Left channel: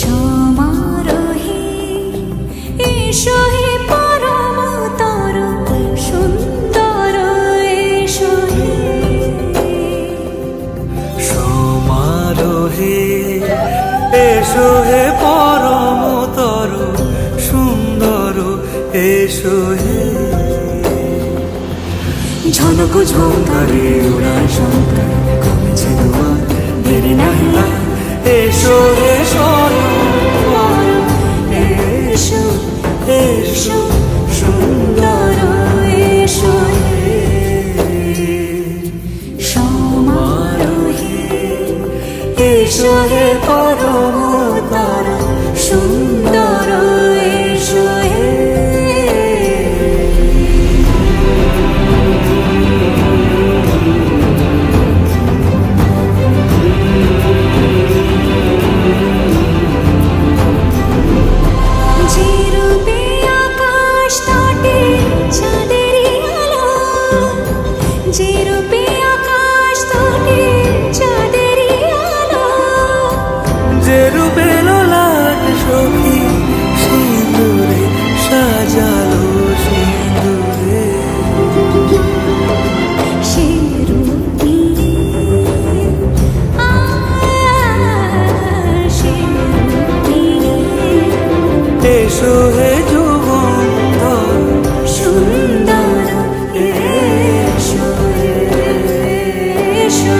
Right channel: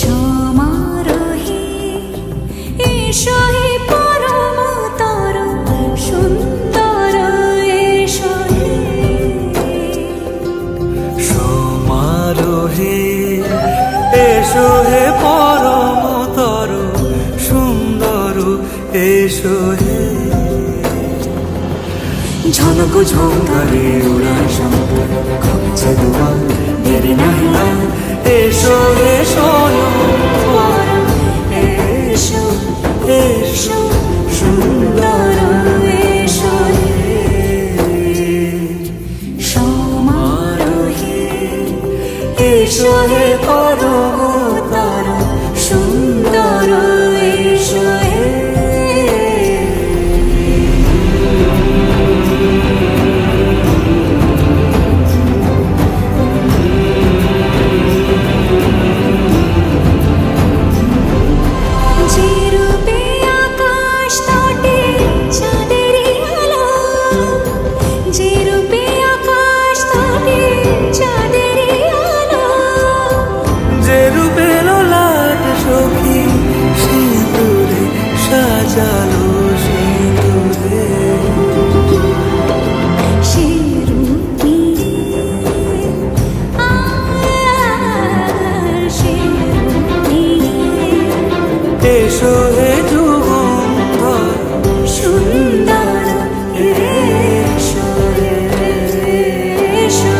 সমারোহে এসো হে পরম তর সুন্দর এসো হে। সমারোহে এসো হে পরম তর সুন্দর এসো হে। ঝনক ঝঙ্কারে উড়ায় শঙ্কর কমেছে দুয়ার দেরি নাহি আর। এসো হে স্বয়ংবর এসো এসো সুন্দর এসো হে। সমারোহে এসো হে পরম তর সুন্দর এসো হে। যে রূপে আকাশ তটে চাঁদেরই আলো, যে রূপে আকাশ তটে চাঁদেরই আলো, যে রূপে ললাট সখী সিঁদুরে সাজালো সিঁদুরে। সে রূপ নিয়ে সে রূপ নিয়ে এসো হে যুগন্ধর সুন্দর এসো এসো।